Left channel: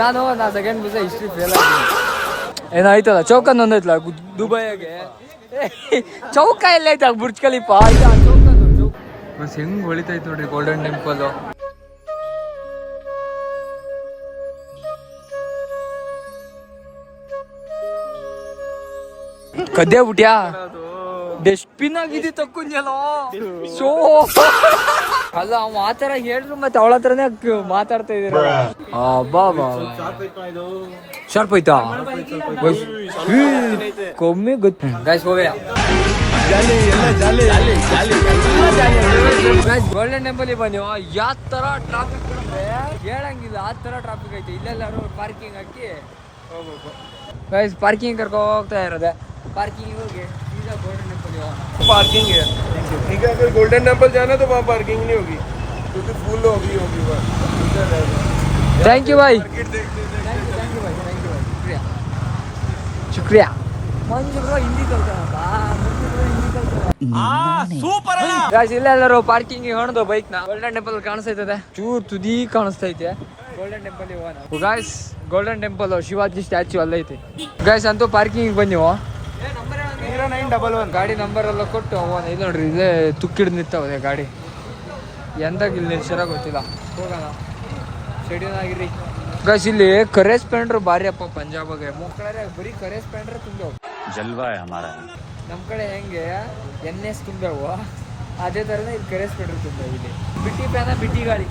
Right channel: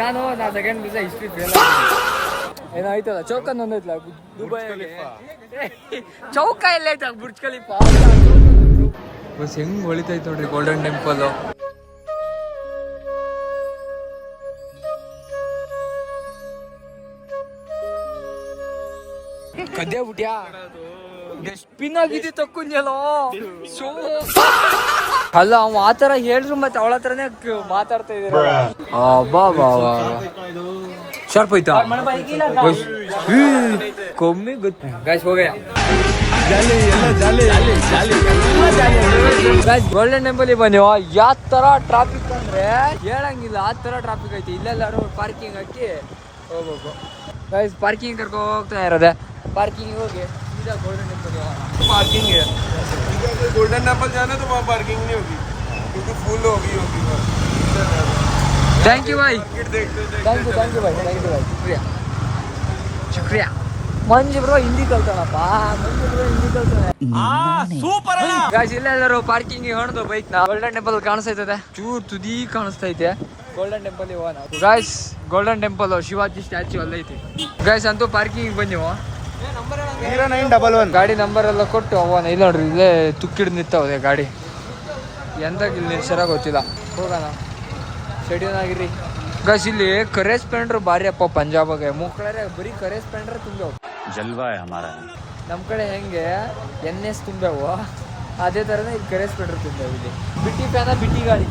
ನಾನು second PUC history fail ಆಗಿದ್ದೀನಿ. ಏನಾಯ್ತಲ್ಲ ಚೌಕನ್ ಒಂದೈತಲ್ಲ ದುಬೈಗೆ ಚೌಕ ಎಲ್ಲ ಐತ ಬುರ್ಜ್ ಖಲೀಫಾ ಬಸ್ ಹೆಂಗ್ ಹೊಳಿತೈತ್ ನೋಡ್ರಿ ಗೋಲ್ಡನ್ ಟೆಂಪಲ್. ಕದ್ದೆ ಬಿಟ್ಯಾ ಡಸ್ಟ್ಬಿನ್ ಆಗಿದೆ ತಕ್ಕೊಂಜಲೋ ಶೋ ಅಲ್ಲ ಅವ ಆತರ ಹೇಳ್ರು ಮತ್ತೆ ಅವಳ ಹತ್ರನೇ ಮಾತಾಡ್ತಾ ಇದ್ದೆ. ಬಾ ಬಾ ಶಾರ್ಪ್ ಐತಾ ಕಮ್ಮಿ ಗೊತ್ತು ಗೈಸ್ ಹೋಗಯ್ಯ ಗೋಲ್ಡನ್ ಟೆಂಪಲ್ ಬನ್ನಿ ಯಾವ ತರ ಟ್ರಾಫಿಕ್ ಹೇಳಂಗಿಲ್ಲ ಆ ತರ ಟ್ರಾಫಿಕ್ ಐತೆ. ಇಲ್ಲೆಲ್ಲ ಪಾರ್ಕಿಂಗ್ ಹಾಕಿ ಹೋಗ್ಬೇಕು ಗೈಸ್. ಪಾರ್ಕಿಂಗ್ ಕರ್ಕೊ ಹೋಗ್ತಾ ಇರೋದೆ. पार्किंग हो गया सीधा गोल्डन टेंपल पार्किंग है ठीक है. अगर गोल्डन टेंपल जाना तो वहाँ पार्किंग नहीं होगी क्योंकि फुल होगी थैंक यू भाई थैंक यू भाई शुक्रिया शुक्रिया. ಮಂಜು ಬ್ರೋ ಹಿಂದಿ ಕಲ್ತಾನಪ್ಪ. ಮಂಜು ಬ್ರೋ ಹಿಂದಿ ಕಲ್ತಾನೆ ಸೂಪರ್ ಅಲ್ಲ ಗಾಯ್ಸ್. ಇಲ್ಲೆಲ್ಲರೂ ಪಾರ್ಕಿಂಗ್ ಹೊಣದು ಬೈಕ್ ನ ಗೋಲ್ಡನ್ ಟೆಂಪಲ್ ಕಾಣಿಸ್ತೈತೆ ಚೂರ್ ತುದಿ ಕಾಣಿಸ್ತೈತೆ. ಗೋಲ್ಡನ್ ಟೆಂಪಲ್ ಹೋಗೋಣ guys. Golden Temple Shivaji statue ಅಲ್ಲೈತೆ ಗಾಯ್ಸ್. ಅಂತೂ ಪಾರ್ಕಿಂಗ್ ಬನ್ನಿ ಗಾಡಿ ನಂಬರ್ ಎಲ್ಲ ಕೊಟ್ಟು ಅವನ ಇಲ್ಲಿ ನೋಡ್ರಿ ಇಲ್ಲೇ ತುಕ್ಕಿಡ್ ನಿಂತವದೆ ಗಾಡಿ. ಎಂದಾಗ ಇಲ್ಲಿ ನಿಲ್ಸರ ಗೊತ್ತಿಲ್ಲ. ಹೋಗೋಣ ಶೆಡ್ಯೂಲ್ ಆಗಿರಿ ಗೈಸ್. ಇಲ್ಲಿ ಕರೇಜ್ ಪೆಂಡ್ರು ಭಾರಿ ಅಪ್ಪ ಪಂಜಾಬಾಗೆ ಮುಖ್ಯ ಬರೀ ಕರೇಜ್ ಪೆಂಡ್ರೆ ತುಂಬೇವು ಜಲ್ವಾ ಹಮಾರ. ನಮ್ ಕಡೆ ಹೆಂಗೆ NS ತುಂಬೇವು ಅದೇ ತರನೇ ಇಲ್ಲಿ ಕರೇಜ್ ಪೆಂಡ್ರು ತುಂಬೇವು. ಇಲ್ಲಿ ಬಿಟ್ಟಿ ಫ್ಯಾನ ಬಿಟ್ಟಿ ಗಾಡಿ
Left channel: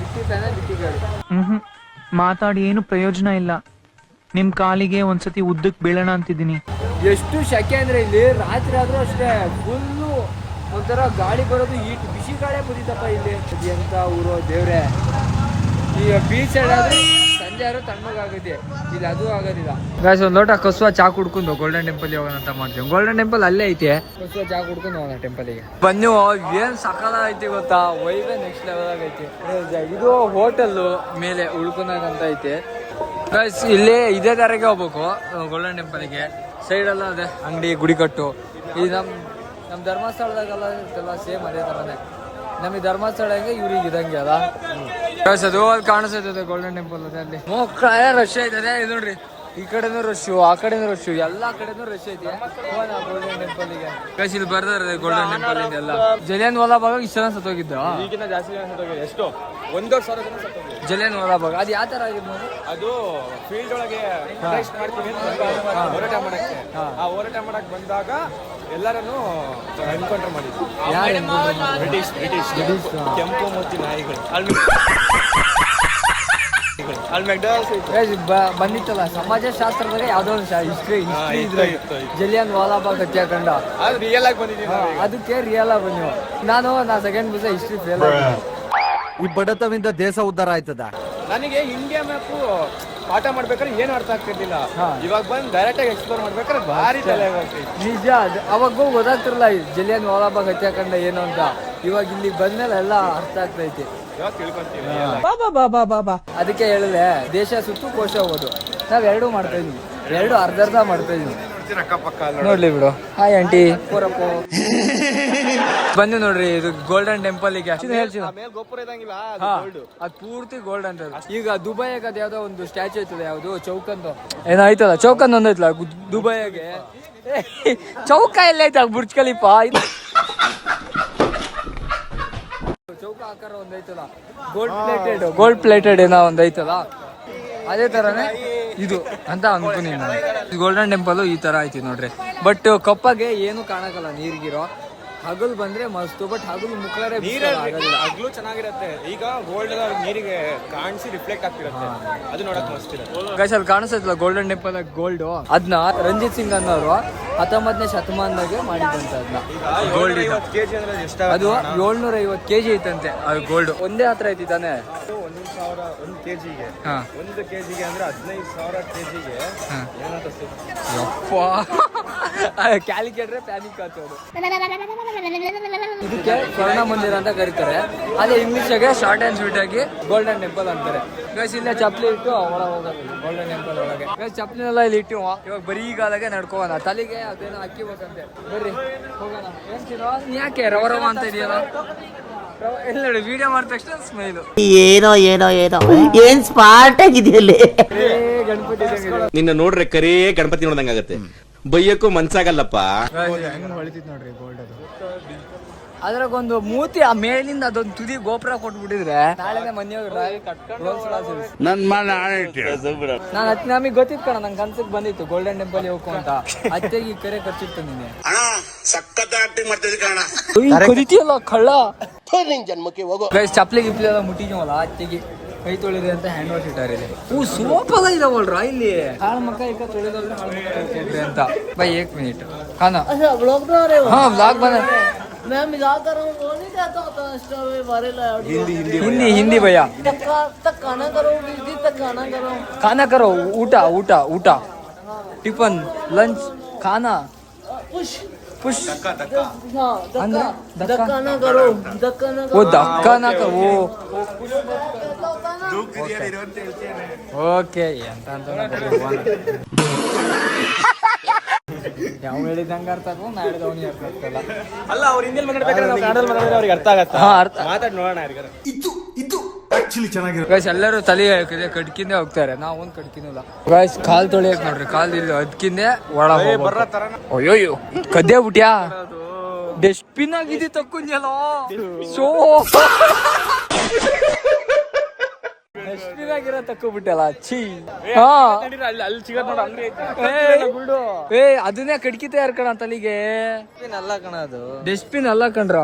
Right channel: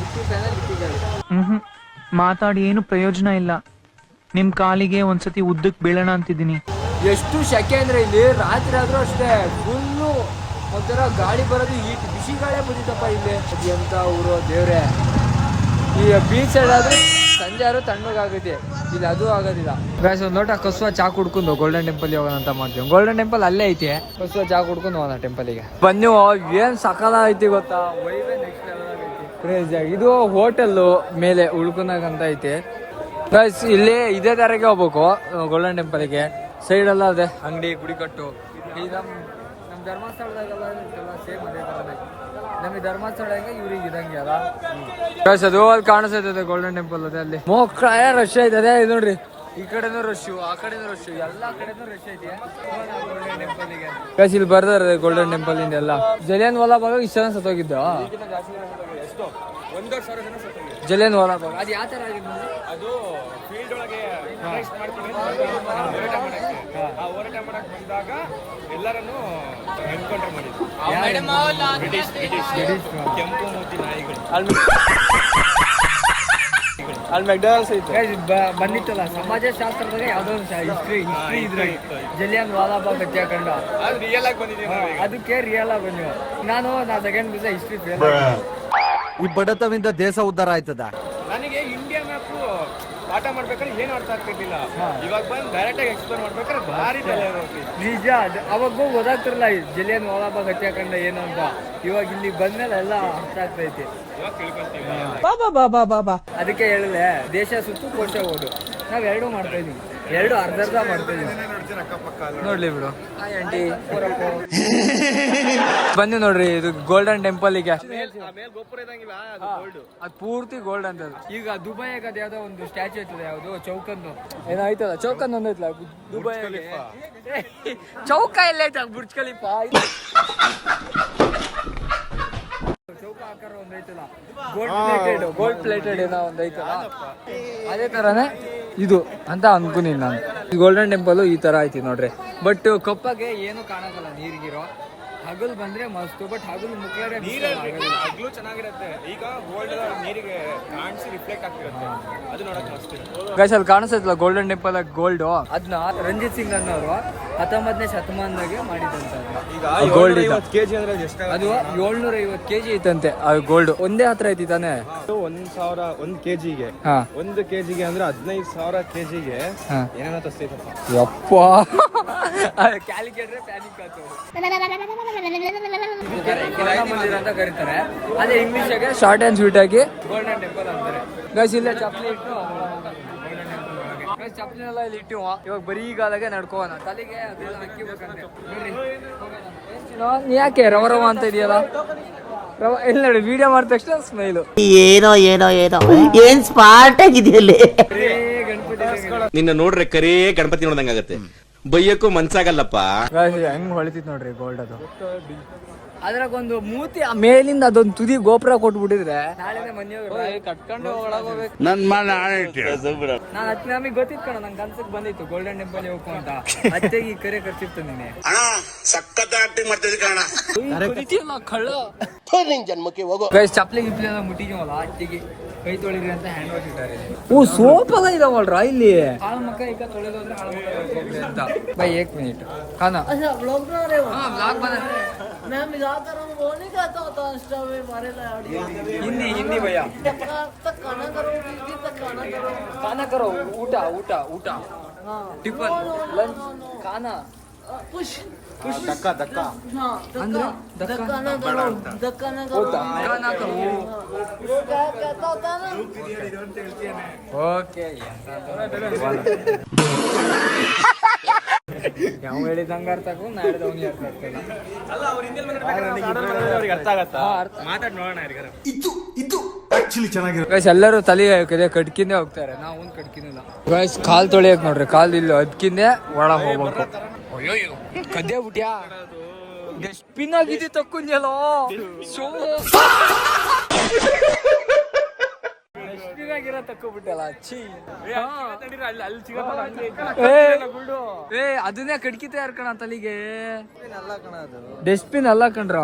ಬಿಟ್ಟಿ ಫ್ಯಾನ ಬಿಟ್ಟಿ ಗಾಡಿ. ಮಾತಾಡಿ ಏನು ಪ್ರಯೋಜನ ಇಲ್ಲ. ನಿಮ್ ಕಾಲಿಗೆ ಒಂದ್ಸತಿ ಉದ್ದಕ್ ಬೀಳೋಣ ಅಂತಿದ್ದೀನಿ. ಎಷ್ಟು ಶೆಕೆ ಅಂದ್ರೆ ಇಲ್ಲಿ ರಾತ್ರಿ ಆದ್ರೂ ಅಷ್ಟೇ ಫುಲ್ಲು ಒಂಥರ ಗಾಳಿ ಬರೋದು ಈಟ್ ಬಿಸಿ ಗಾಳಿ ಬಂದಿತ್ತಪ್ಪ ಇಲ್ಲಿ. ಅದು ಎಂತ ಊರು ದೇವ್ರೆ. ಈ ಬೀಚ್ ಸೈಡ್ ಆದ್ರೆ ಸಂಜೆ ಆದ್ರೂ ತಣ್ಣಗಾಗುತ್ತೆ ಇಲ್ಲಿ ಅದು ಆಗೋದಿಲ್ಲ ಗಾಯ್ಸ್. ಒಂದ್ ಲೋಟ ಕಸುವ ಚಾ ಕುಡ್ಕೊಂಡು ಗೋಲ್ಡನ್ ಟೆಂಪಲ್ ಹೋಗೋಣ ಅಂತ ಮಾಡ್ತೀವಿ. ಗೋಲ್ಡನ್ ಟೆಂಪಲ್ ಅಲ್ಲೇ ಐತಿ. ಕಸುವ ಚಾ ಕುಡ್ಕೊಂಡು ಹೋಗೋಣ ಟೆಂಪಲ್ಗೆ ಬನ್ನಿ. ಏನ್ ಸಕಾಲ ಐತಿ ಗೊತ್ತಾ ವೈಬ್ ನೆಕ್ಸ್ಟ್ ಲೆವೆಲ್ ಐತಿ. ಇದು ಹೋಟೆಲ್ ಮೇಲೆ ಉಳ್ಕೊಂಡಂತ ಐತಿ ಗೈಸ್. ಇಲ್ಲಿ ಇದೇ ತರಗೆ ಹೋಗ್ಬೇಕು ಗೋಲ್ಡನ್ ಟೆಂಪಲ್ಗೆ. ಸೈಡ್ ಎಲ್ಲ ಅದೇ ಅಂಗಡಿ ಗುಡಿ ಕಟ್ಟು. ಈ ನಮ್ ಧರ್ಮಸ್ಥಳದಾಗೆಲ್ಲ ಇರ್ತಲ್ಲ ಸೇಮ್ ಅದೇ ತರನೇ. ನಮಗೆ ಧರ್ಮಸ್ಥಳಗೆ ಇವ್ರಿಗೆ ಇದಂಗೆ ಅಲ್ಲ ಗೈಸ್. ಅದು ಅಲ್ಲಿ ಕಾಣಿಸ್ತೈತೆ ಗೋಲ್ಡನ್ ಟೆಂಪಲ್ ಅದೇ ಅಲ್ಲಿ ರಶ್ ಐತದೆ. ಇದು ನೋಡ್ರಿ ಈ ಕಡೆನೂ ರಶ್ಶು ಆ ಕಡೆನೂ ರಶ್ಶು ಎಲ್ಲಾ ಕಡೆನೂ ರಶ್ ಐತಿ ಗೋಲ್ಡನ್ ಟೆಂಪಲ್ಗೆ ಗೈಸ್. ಇಲ್ಲಿ ಬರ್ದಾರೆ ಗೋಲ್ಡನ್ ಟೆಂಪಲ್ ಇಂದೆಲ್ಲ. ಜಲಿಯನ್ ವಾಲಾಬಾಗ್ ಇಷ್ಟ ಜನ ಸತ್ತೋಗಿದ್ದ. ಜಲಿಯನ್ ವಾಲಾಬಾಗ್ ಅದು ಯಾವ ತರ ಆಗಿದ್ ನೋಡಿ. ಅದು ಫೀಲ್ಡ್ ಒಳಗೆ ಹೋರಾಟ ಮಾಡಕ್ ಬಂದಾಗ ಎಲ್ಲರನ್ನು ಎನ್ಕೌಂಟರ್ ಮಾಡಿದ್ರು. ಯಾರು ಎನ್ಕೌಂಟರ್ ಮಾಡಿದ್ರು? ಬ್ರಿಟಿಷ್ ಕೆಂಪು ಮೂತಿ ನಾಯಿಗಳು. ಅಲ್ಲಿ ಮೆಕ್ಡೊನಾಲ್ಡ್ಸ್ ಬಂದಿತ್ತಲ್ಲ ಸಮಾಜಶಾಸ್ತ್ರದಾಗ ಯಾವ್ದೋ ಒಂದು ಹಿಸ್ಟ್ರಿ ಇದ್ರಾಗ ಜಲಿಯನ್ ವಾಲಾಬಾಗ್ ಹತ್ಯಾಕಾಂಡ ಅದಕ್ಕೆ ರಿಯಲ್ ಆಗಿ ಬಂದಿವ. ನಾನು ಸೆಕೆಂಡ್ ಪಿಯುಸಿ ಹಿಸ್ಟ್ರಿ ಫೇಲ್ ಆಗಿದ್ದೀನಿ. ಈ ಬಡತವಿಂದ ದೇಶ ಉದ್ಧಾರ ಆಯ್ತದ. ನನಗೆ ಇಂಡಿಯಾ ಮ್ಯಾಪು ಪಾಠ ಮಾಡ್ಬೇಕಾದ್ರೆ ಏನು ಅರ್ಥ ಆಗ್ತಿರ್ಲಿಲ್ಲ. ಇವಾಗ ಬಂದು ಡೈರೆಕ್ಟ್ ಆಗಿ ಎಕ್ಸ್ಪ್ಲೋರ್ ಮಾಡ್ಬೇಕಾದ್ರೆ ಭಾರಿ ನಿಜ. ಅವಾಗ ಗೊತ್ತಾಗ್ತಿರಲ್ಲ ಜಲಿಯನ್ ವಾಲಾಬಾಗ್ ಹತ್ಯಾಕಾಂಡ ಏನು ಅಂತ. ಇವಾಗ ಇಲ್ಲಿ ಬಂದ್ಮೇಲೆ ಎಲ್ಲ ಅರ್ಥ ಆಗ್ತೈತಿ. ಅದಕ್ಕೆ ಹೇಳಿದೆ ದೇಶ ಸುತ್ತು ಕೋಶ ಓದು. ನಾವ್ ಎರಡು ಮಾಡ್ತಾ ಇದೀವಿ. ಎರಡು ಅರ್ಧ ಮಾಡ್ತಾ ಇದೀವಿ. ನೋಡ್ಲಿ ಬಿಡು. ಹಾಯ್ ಆಂಟಿ ಬಂದು ನೋಡ್ರಿ ಇದು ಗೋಲ್ಡನ್ ಟೆಂಪಲ್ ಗೆ. ಅದ್ ಪೂರ್ತಿ ಗೋಲ್ಡ್ ಅಂತ. ಈಗ ದುಬೈಗೆ ಅದ್ ಯಾವ್ದೋ ಒಂದು ಸ್ಟ್ಯಾಚ್ಯೂ ಐತಲ್ಲ ಯಾವ್ದು ಚೌಕಂದು ಏನಾಯ್ತಲ್ಲ ಚೌಕಂದ್ ಒಂದೈತಲ್ಲ ದುಬೈಗೆ. ಚೌಕ ಎಲ್ಲ ಐತ ಬುರ್ಜ್ ಖಲೀಫಾ ಚೌಕ ಆಕಾರ ಒಂದೈತಲ್ಲ ಗೋಲ್ಡ್ ಪ್ಲೇಟೆಡ್ ಏನೋ ಒಂದೈತಲ್ಲ ಅದೇ ತರಾನೇ ಇದು ಅಂತ ಅನ್ಕೊಂಡಿ ನಾನು. ಗೋಲ್ಡನ್ ಟೆಂಪಲ್ ಈ ತರ ಐತಿ ನೋಡ್ರಿ. ಬಟ್ ಕಪ್ಪಗೆ ಏನು ಕಾಣಕಲ್ಲ ನೀರ್ಗಿರೋ. ಹಗಲು ಬಂದ್ರೆ ಮಸ್ತು. ಬಟ್ ಹಗಲು ಮುಕ್ಳಾರೆ ಆಗೋದಿಲ್ಲ. ಹಗಲು ಚೆನ್ನಾಗಿರುತ್ತೆ. ಈಗ ಗೋಲ್ಡ್ ನೀರಿಗೆ ಕಾಣಿಸಿ ರಿಫ್ಲೆಕ್ಟ್ ಆಗ್ತಿರುತ್ತೆ. ಅದು ನೋಡಕ್ ಅಷ್ಟಿದೆ ಗೈಸ್. ಅಲ್ಲಿ ಕಾಣಿಸ್ತೈತಲ್ಲ ಗೋಲ್ಡನ್ ಟೆಂಪಲ್ ಗೋಲ್ಡ್. ಅದನ್ನ ರಂಜಿತ್ ಸಿಂಗ್ ಅನ್ನೋರು 19ನೇ ಶತಮಾನದಾಗೆ ಮಾಡಿದಂತ ಅದನ್ನ ಗೋಲ್ಡ್ ಇದ್ದ. ಅದು 750 kg ಐತಂತೆ ಅದು ಗೋಲ್ಡ್. ಒಂದೇ ಹತ್ರ ಐತಿ ತಾನೆ. 1 kgಗೆ 1 kgಗೆ ಅಂದ್ರೆ 15,000 kgಗೆ ಯಪ್ಪ ಕ್ಯಾಲ್ಕುಲೇಟರ್ ಪ್ಯಾನಿಕ್ ಆಗ್ತದೆ. ಇದಕ್ಕೆ ಸ್ವರ್ಣ ಮಂದಿರ ಅಂತ ಕರೀತಾರೆ. ಅದೇ ಇಂಗ್ಲಿಷ್ಗೆ ಶಾರ್ಟ್ ಅಂಡ್ ಸ್ವೀಟ್ ಆಗಿ ಗೋಲ್ಡನ್ ಟೆಂಪಲ್ ಅಂತಾರೆ. ಗೈಸ್ ಇಲ್ಲೇ ಚಪ್ಪಲಿ ಇಟ್ಟು ಒಳಗೆ ಹೋಗೋದು ಗೋಲ್ಡನ್ ಟೆಂಪಲ್ ಒಳಗೆ. ಗೈಸ್ ಚಪ್ಪಲಿನೆಲ್ಲ ಇಲ್ಲಿ ಇಟ್ಟು ಇವಾಗ ಬರೀ ಗಾಲಾಗೆ ನಡ್ಕೋಣ. ತಲೆಗೆ ಅದೇನೋ ಹಾಕಿಬೇಕಂತೆ ನೋಡ್ರಿ. ಹೋಗೋಣ. ಏನ್ ಯಾಕೆ ರವ ಅಂತ ಇದೆಯಲ್ಲ ಇಲ್ಲಿ ನೋಡಿ ವಿಡಿಯೋ ಮಾಡಿದ ತಕ್ಷಣ ಸ್ಮೈಲು. ಏನೋ ಏನೋ ಏನೋ ಏನ್ ಸ್ಮಾರ್ಟ್ ಆಗಿದೆಯಲ್ಲಿ. ಗಣಪತಿ ನಿನ್ನ ನೋಡ್ರೆ ಕರೇ ಗಣಪತಿ ನೋಡ್ದಂಗಾಗತ್ತೆ, ಬೈಯಕ್ಕೂ ಮನ್ಸಾಗಲ್ಲಪ್ಪ. ಹೆಂಗ್ ಹೊಳಿತಿತ್ ನೋಡ್ರಿ ಗೋಲ್ಡ್ ಅದು. ಅದ್ರಾಗೊಂದು ಮೂತಿ ಆ ಮೇಲಿಂದ ಅದೊಂದು ತುದಿ ಗೋಪುರ ಕೊಟ್ಬಿಟ್ಟಿದ್ರೆ ನಾಳೆನೆ ಮನೆಯವ್ರು ನಾನು ಹತ್ತು ನಮಗೆ ಗೊತ್ತಿತ್ತು ಕಣ, ನಂಗೆ ಕನ್ಸಕ್ ಬಂದಿತ್ತು ಗೋಲ್ಡನ್ ಟೆಂಪಲ್ ಹೋಗು ಅಂತ. ಅತ್ತೆಗೆ ಈ ಕರೆ ಖರ್ಚಿತ್ತು ನೀನೆ ಕರಿತೀಯಲ್ಲ ಕಳ್ಳ. ಚಪ್ಲಿ ಗಿಪ್ಲಿ ಎಲ್ಲ ಮುಟ್ಟಿದೀವಲ್ಲ ಅತ್ತೆಗೆ ಕೈ ತೊಳಿರಿ ಅಂತ ಹ್ಯಾಂಡ್ ವಾಶ್ ಇಟ್ಟಾರೆ. ಸೋಪ್ ಎಲ್ಲ ಇದಾವಲ್ರ ಇಲ್ಲಿ. ಹಾಳ ಮಕ್ಕ ಈಗ ತೊಳಿದ್ರೆ ಹಾಳ ಮಕ್ಕ ತೊಳ್ಕೊಬ್ರಿ ಅಂತ. ಬೈ 1 मिनट खाना. हाँ व्लॉग बना. मैं मजाक कर रहा हूँ, वो नहीं कहता होता इंस्टा पे वायरल है. हिंदी भैया. तक खाना करो, तक खाना करो. ऊटा ऊटा ऊटा टिफन लंच खाना पुश पुश हाँ ಅಂದ್ರೆ धक्का ना करो, धक्का ना वो करो. धक्का ना करो. कहता होता है ना. ಓಕೆ ಯಾವ ಹೇಳಿದಂಗ ಅರ್ಥ ಆಗೋ ನಾ ಹೇಳಿದ ಅವನಿಗೆ ಅರ್ಥ ಆಗ್ತಲ್ಲ. ಅಲ್ಲ ಅವ್ರು ಹಿಂದೆ ಅವ್ರಿಗೆ ಅರ್ಥ ಆಗತ್ತ. ಮಾತಾಡ್ ನೋಡೋಣ ಯಾರಿಗಾರ. ಗೈಸ್ ಎಲ್ಲರೂ ತಲೆ ಕಡ್ಕಿಂದೆ ಹೋಗ್ತಾರೆ, ನಾವೊಂದು ಕಡ್ಕಿನಲ್ಲ. ಗೈಸ್ ಕಾಲ್ ತೊಳಿಯಕ್ ನೋಡ್ರಿ, ಕಾಲ್ ಇಲ್ಲ ಅದ್ಕಿಂದೆ ಒಳ ಹೋಗ್ಬೇಕು. ಅಯ್ಯೋಯ್ಯೋ ಕದ್ದೆ ಬಿಟ್ಯಾ, ಡಸ್ಟ್ಬಿನ್ ಆಗಿದ್ದಿ ತಕ್ಕೊಂಜಲ್ಲ. ಶೋ ಡಸ್ಟ್ಬಿನ್ ಆಗಿರೋ ತಕ್ಕೊಬಿಟ್ಟಲ್ಲ. ಛೀ. ಹಾ ಏ ಅದನ್ನೇ ಕಡ್ಕಿತ ಯಾರ್ಕಣ ತಲೆಗೆ. ಡಸ್ಟ್ಬಿನ್ ಅಲ್ಲ ಕಣ್ರ.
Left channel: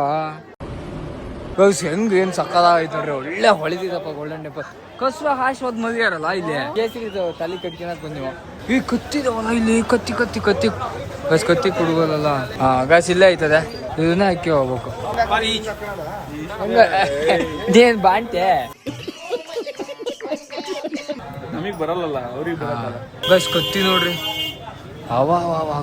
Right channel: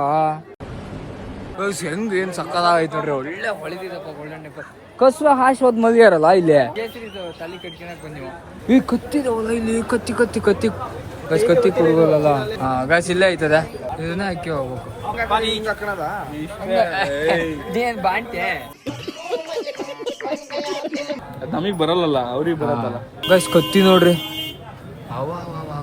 ಹೆಂಗ್ ಏನ್ ಸಕ್ಕದಾಗೈತೆ ನೋಡ್ರಿ, ಒಳ್ಳೆ ಹೊಳಿದಿದಪ್ಪ ಗೋಲ್ಡನ್ ಟೆಂಪಲ್. ಕಸ್ರ ಹಾಶ್ ಹೋದ್ ಮಲ್ಗ್ಯಾರಲ್ಲ ಇಲ್ಲಿ ಕೇಸರಿ ತಲೆ ಕಟ್ಕೊಳಕ್ ಬಂದಿವೆ. ಈ ಕತ್ತಿದವಲ್ಲ ಇಲ್ಲಿ, ಕತ್ತಿ ಕತ್ತಿ ಕತ್ತಿ ಗಸ್ ಕತ್ತಿ ಕುಡ್ಗೋದಲ್ಲ. ಹಾ ಗಸ್ ಇಲ್ಲೇ ಐತದೆ, ಇದನ್ನ ಹಾಕಿ ಹೋಗ್ಬೇಕು. ಏನ್ ಬಾಂಟೆ ನಮಗ್ ಬರಲ್ಲ, ಅವ್ರಿಗೆ ಗಸ್ ಕತ್ತಿ ನೋಡ್ರಿ.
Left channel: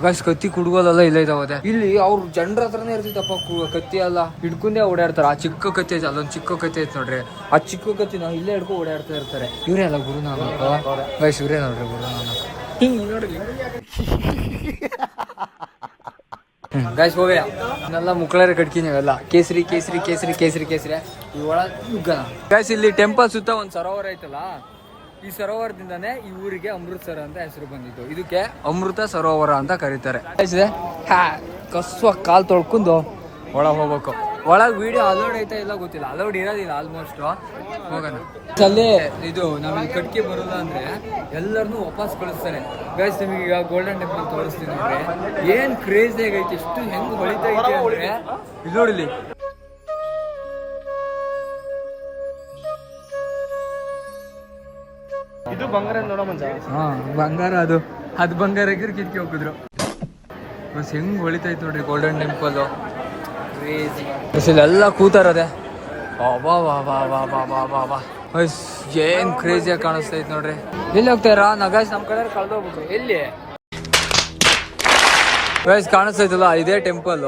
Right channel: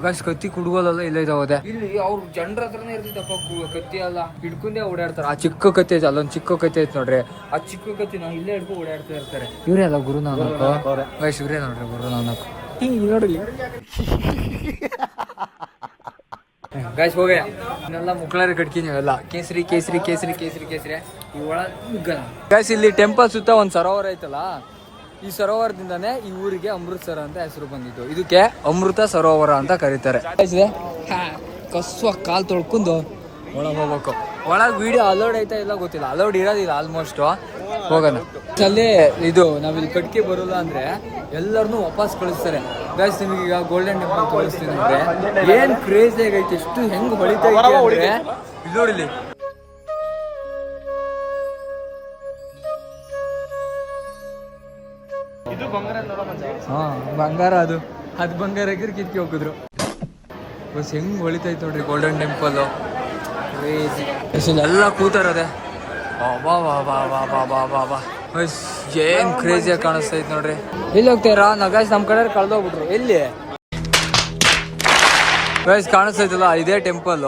ಗಸ್ ಕತ್ತಿ ಕುಡ್ಗೋದಲ್ಲ ಇಲ್ಲ ಇದಾವದೆ. ಇಲ್ಲಿ ಅವ್ರು ಜನರ ಹತ್ರನೇ ಇರ್ತಿತ್ತಪ್ಪ ಕತ್ತಿ ಎಲ್ಲ ಹಿಡ್ಕೊಂಡೇ ಓಡಾಡ್ತಾರ. ಆ ಚಿಕ್ಕ ಕತ್ತಿ ಐತೆ, ಅಲ್ಲೊಂದ್ ಚಿಕ್ಕ ಕತ್ತಿ ಐತೆ ನೋಡ್ರಿ, ಆ ಚಿಕ್ಕ ಕತ್ತಿ ನಾವು ಇಲ್ಲೇ ಹಿಡ್ಕೊ ಓಡಾಡ್ತಾ ಇರ್ತಾರೆ. ಇವ್ರೇ ಅಲ್ಲ ಗುರುನಾನಕ್. ಗೈಸ್ ಇವ್ರೇ ನೋಡ್ರಿ ಗುರುನಾನಕ್. ಹಿಂಗ್ ನೋಡ್ರಿ ಗೈಸ್ ಹೋಗಯ್ಯ. ಇನ್ನೆಲ್ಲ ಮುಕ್ಕಳರ ಕಟ್ಕಿ ನೀವೆಲ್ಲ ಕೇಸರಿ ಕೇಸರಿ ಕೇಸರಿ ಕೇಸರಿ ಕೇಸರಿ ಈ ಒಳ ನುಗ್ಗನ. ಗೈಸ್ ಇಲ್ಲಿ ಟೆಂಪಲ್ ಸುತ್ತ ಒಂದ್ ಸರೋವರ ಐತಲ್ಲ, ಈ ಸರೋವರದಿಂದಾನೇ ಈ ಊರಿಗೆ ಅಮೃತಸರ ಅಂತ ಹೆಸರು ಬಂದಿದ್ದು. ಇದಕ್ಕೆ ಅಮೃತ ಸರೋವರ ಅಂತ ಕರೀತಾರೆ. ಕಸ್ವ ಕಾಲ್ ತೊಳ್ಕೊಂಡು ಒಳಗೆ ಹೋಗ್ಬೇಕು. ಒಳಗೆ ವಿಡಿಯೋ ಅಲೌಡ್ ಐತಾ ಇಲ್ಲ ಗೊತ್ತಿಲ್ಲ, ಅಲೌಡ್ ಇರೋದಿಲ್ಲ ಆಲ್ಮೋಸ್ಟ್. ಹೋಗೋಣ. ಅಲ್ಲೇ ಇದು ನಾವಿಲ್ಲಿ ಕಟ್ಕೆ ಬರೋಲ್ಲ ಅಂದ್ರೆ ಎಲ್ಲರನ್ನೂ ವಾಪಸ್ ಕಳಿಸ್ತಾರೆ. ಗೈಸ್ ನಿಮಗೆ ಈಗ ಗೋಲ್ಡನ್ ಟೆಂಪಲ್ ತೋರಿಸ್ತೀನಿ ಅಂದ್ರೆ ಏನ್ ಕ್ರೇಜ್ ಆಗೈತೆ, ಎಷ್ಟು ಹೆಂಗ್ ಹೊಳಿತಾ ಐತೆ ಅಂದ್ರೆ ಇಲ್ಲಿ ನೋಡಿಲಿ. ಹಾ ಬಂಗಾರ, ಅದು ಬಂಗಾರ ಕಿತ್ಕಿ ಹೋಗಿದ್ರು. ಬಸ್ ಹೆಂಗ್ ಹೊಳಿತೈತ್ ನೋಡ್ರಿ ಗೋಲ್ಡನ್ ಟೆಂಪಲ್. ಎಲ್ಲ ಕೂತಾರದೆ. ಏನ್ ಕ್ರೇಜಿಯಾಗಿ ಕಾಣಿಸ್ತೈತ್ ನೋಡ್ರಿ. ಎಲ್ಲಿ ಹೋಗ್ತಾರ ನಗಾಯ್ಸ್ ನಮ್ ಕಡೆ ಕಳ್ದೋಗ್ಬಿಟ್ರಿ. ಎಲ್ಲಿ ಗೈಸ್ ಕಾಣಿಸ್ತೈತಲ್ಲ ಇದೇ ಟೆಂಪಲ್.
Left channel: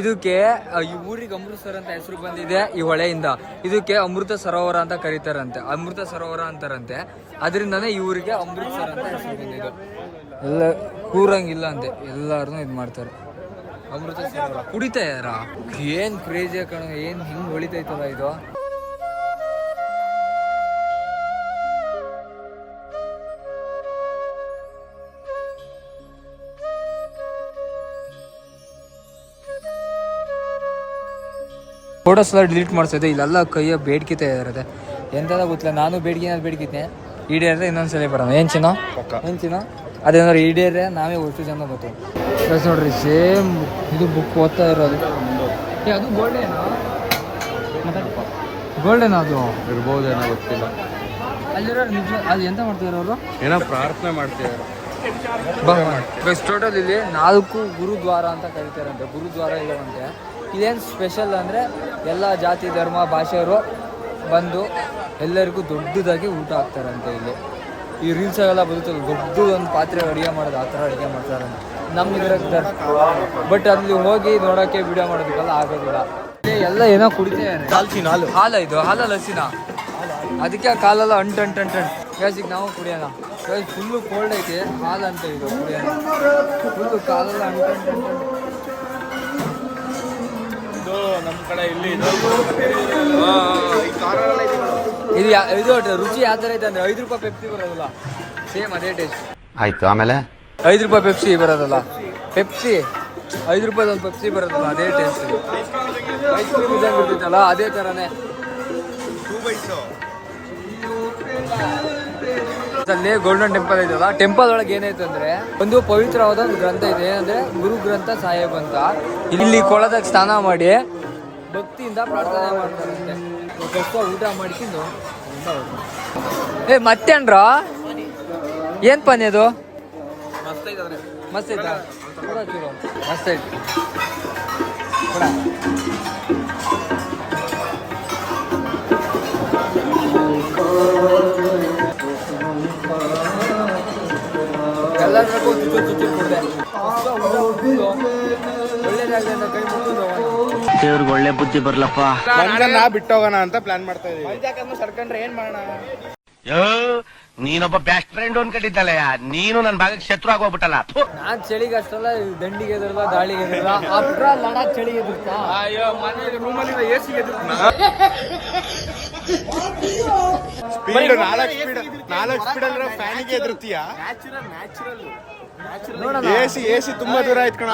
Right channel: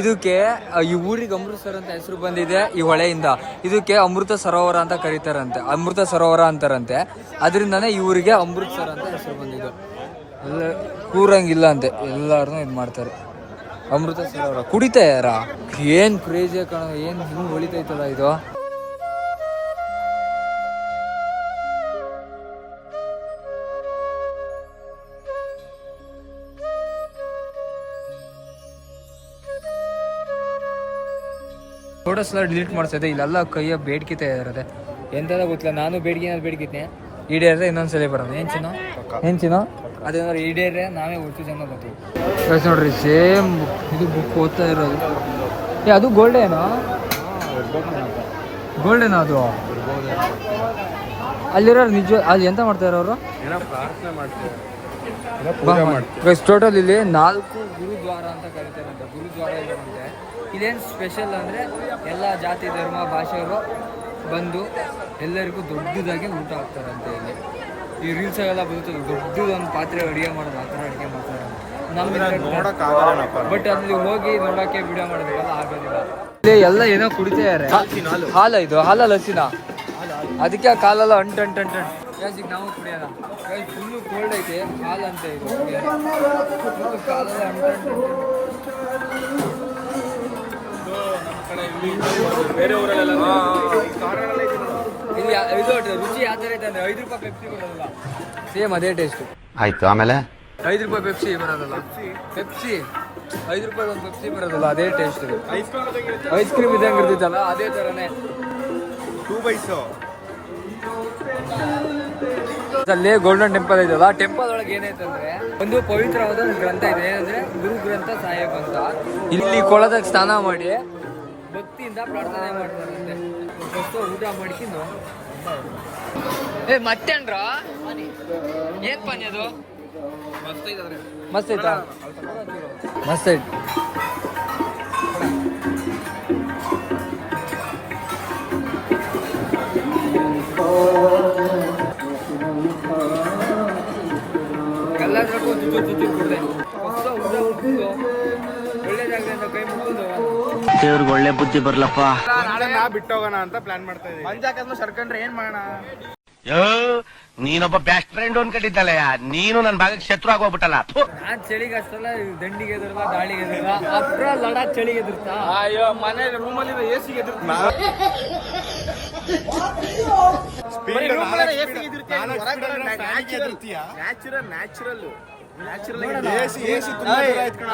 ಇದಕ್ಕೆ ಈ ಊರಿಗೆ ಅಮೃತಸರ ಅಂತ ಹೆಸರು ಬಂದಿದೆ ಈ ಹೊಳೆಯಿಂದ. ಇದಕ್ಕೆ ಅಮೃತ ಸರೋವರ ಅಂತ ಕರೀತಾರಂತೆ, ಅಮೃತ ಸರೋವರ ಅಂತಾರಂತೆ. ಅದರಿಂದಾನೇ ಈ ಊರಿಗೆ ಅಮೃತಸರ ಅಂತ ಹೆಸರು ಬಂದಿದ್ದು. ಎಲ್ಲ ಕೂರಂಗಿಲ್ಲ ಅಂತೆ, ಎಲ್ಲಾರನು ಇದ್ ಮಾಡ್ತಾರೆ. ಅಮೃತ ಸರೋವರ ಕುಡಿತಾ ಯಾರ ಏನ್ ಕ್ರೇಜಿ ಕಾಣ, ಏನ್ ಹಿಂಗ್ ಹೊಳಿತೈತಲ್ಲ ಇದು. ಫೋಟೋಸ್ ಎಲ್ಲ ಡಿಲೀಟ್ ಮಾಡ್ತಾ ಇಲ್ಲೆಲ್ಲ ಕೈಯ ಬೇಡ್ಕಿತಾ ಇರತ್ತೆ. ಎಂತದ ಗೊತ್ತಿಲ್ಲ, ನಾನು ಬೇಡ್ಕಿದ್ನೆ ಈಡೇರ್ರೆ ಇನ್ನೊಂದ್ಸಲ ಬರೋಣ. ಏನ್ ಚಿನ್ನೋ ಅದೇನಾದ್ರು ಈಡೇರ್ರೆ ನಾವೇ ಒಟ್ಟು ಜನ ಬರ್ತೀವಿ ನೋಡ್ರಿ. ಸೇಮ್ ಇದು ಬುಕ್ ಓದ್ತಾ ಇರೋದು. ಅದು ಗೋಲ್ಡೇನಾ ಅದು ಅಲ್ಲಿರೋ ನಿಜ. ಅಲ್ಲಿ ಎಂತ ಮಾಡ್ತಾರೆ ಅವರು, ಏನೋ ಪ್ರಾರ್ಥನೆ ಮಾಡ್ತಾರೆ. ಟೋಟಲ್ ಇಲ್ಲಿ 4 ಗುರುದ್ವಾರ ಅಂತ ಕರೀತಾರಂತೆ. ಗುರುದ್ವಾರ ಇದಾರಂತೆ. ಇದೇನು ಸ್ಪೆಷಲ್ ಅಂದರೆ ಎಲ್ಲ ಜಾತಿ ಧರ್ಮ ಭಾಷೆಯವರು ಬಂದು ಎಲ್ಲರಿಗೂ ದೊಡ್ಡದಾಗಿ ಊಟ ಹಾಕ್ತಾರಂತೆ. ಇಲ್ಲಿ ಈ ರೀಲ್ಸಾಗೆಲ್ಲ ಬರುತ್ತಲ್ಲ, ದೊಡ್ಡದೊಂದು ಪಾತ್ರೆ ಅಡುಗೆ ಮಾಡೋದು, ಆ ಥರ ಅಡುಗೆ ಮಾಡ್ತಾರಂತೆ. ನಮ್ಮ ಬಟ್ ಅಲ್ಲಿ ಹೋಗಿ ನೋಡೋಕ್ಕೆ ವಿಡಿಯೋ ಮಾಡೋದಕ್ಕೆಲ್ಲ ಆಗೋದಿಲ್ಲ. ಇಲ್ಲಿ ಎಲ್ಲ ಏನೋ ಕುಡಿತಾರೆ. ಹಾಲ ಇದು ಹಾಲಲ್ಲ ಹಸಿನ, ಅದಕ್ಕೆ ಕಾಲೆಲ್ಲ ಅಂಟು ಈಗ ನಾವು ಕುಡಿಯೋಣ. ಫುಲ್ಲು ಕೋಲ್ಡ್ ಐತೆ, ಹಾಲು ಅಂತ ಇದು ಕುಡಿಯೋಣ. ಫುಲ್ಲು ಕಾಲೆಲ್ಲ ಅಂಟು ಇದು ರುಚಿ ಯಾವ ಥರ ಐತೆ ಅಂದರೆ 5 ರೂಪಾಯಿ ಪೆಪ್ಸಿ ಬರೋದಿಲ್ಲ, ಸೇಮ್ ಅದೇ ಟೇಸ್ಟ್. ಆಯ್ತು, ಆಮೇಲೆ 5 ರೂಪಾಯಿ ಪೆಪ್ಸಿ ಬರೋದಲ್ಲ, ಪೆಪ್ಸಿ 5 ರೂಪಾಯಿ ಒಂದು ಪೆಪ್ಸಿ ಬರೋದಲ್ಲ, ಅದೇ ಟೇಸ್ಟ್. ಐಸ್ ಕ್ರೀಮ್ ಇದ್ದಂಗೆ ಇರ್ತೈತಲ್ಲ ಅದೇ ಥರನೇ. ಅಲ್ಲಿ ಗೋಲ್ಡನ್ ಟೆಂಪಲ್ ಐತಲ್ಲ, ಟೆಂಪಲ್ ಒಳಗೆ ಏನಾಯ್ತು ಅಂದ್ರೆ ಒಂದು ಪವಿತ್ರವಾದ ಒಂದು ಗ್ರಂಥ ಇದೆ, ಏನಂದ್ರೆ ಗುರು ಗ್ರಂಥ ಸಾಹೇಬ್ ಅಂತ. ಇಲ್ಲಿ ಕೊಳದಾಗ ಸ್ನಾನ ಮಾಡಿ ಭಕ್ತಿಯಿಂದ ಪ್ರಾರ್ಥನೆ ಮಾಡ್ತಾರಂತೆ. ಸ್ವಲ್ಪ ಊಟ ಮಾಡ್ಕೊಂಡು ಮತ್ತೇನ್ರ ಏನ್ ಪಾನಿ ಅದು? ಮಸ್ತ್ ಐತಾ? ಮಸ್ತ್ ಐತಿ. ಎಲ್ಲರೂ ತುತ್ತು ಕೊಡ್ದೆ ಒಳ್ಳೇದಾಗಲಿ ಅಂತ ಕೈ ಮುಟ್ಕೊಂಡು ಹೋಗೋಣ. ದೇವ್ರಿಗೆ ಒಳ್ಳೆ ಬುದ್ಧಿ ಬರ್ಲಪ್ಪ. ನಾ ಬಿಟ್ಟೋಗೋಣ ಅಂತ ಪ್ಲಾನ್ ಮಾಡ್ತಾ ಇದೀವಿ. ಮಂಜಾಕದ್ಮ ಸರ್ಕೊಂಡ್ರೆ ಏನ್ ಮಾಡೋಣ? ನೀನೊಬ್ಬ ಬೆಸ್ಟ್ ಫ್ರೆಂಡ್ ಅನ್ಕೊಂಡಿದ್ದಲ್ಲ, ನೀನು ನನ್ನ ಭಾಗಕ್ಕೆ ಶತ್ರು ಆಗೋಗ್ಬಿಟ್ಟಲ್ಲ. ನಾನ್ ಚಳಿಗೆ ಅಷ್ಟಲ್ಲ ದಂಡಿಗೆ ಎದುರ್ದ ದಾಳಿಗೆ ಎದುರ್ದ ಅಪ್ರ ಲಡಾಖ್ ಚಳಿಗೆ ಎದುರ್ತಾ ಮನೆ ರೂಮಲ್ಲಿ ಎಸಿಗೆ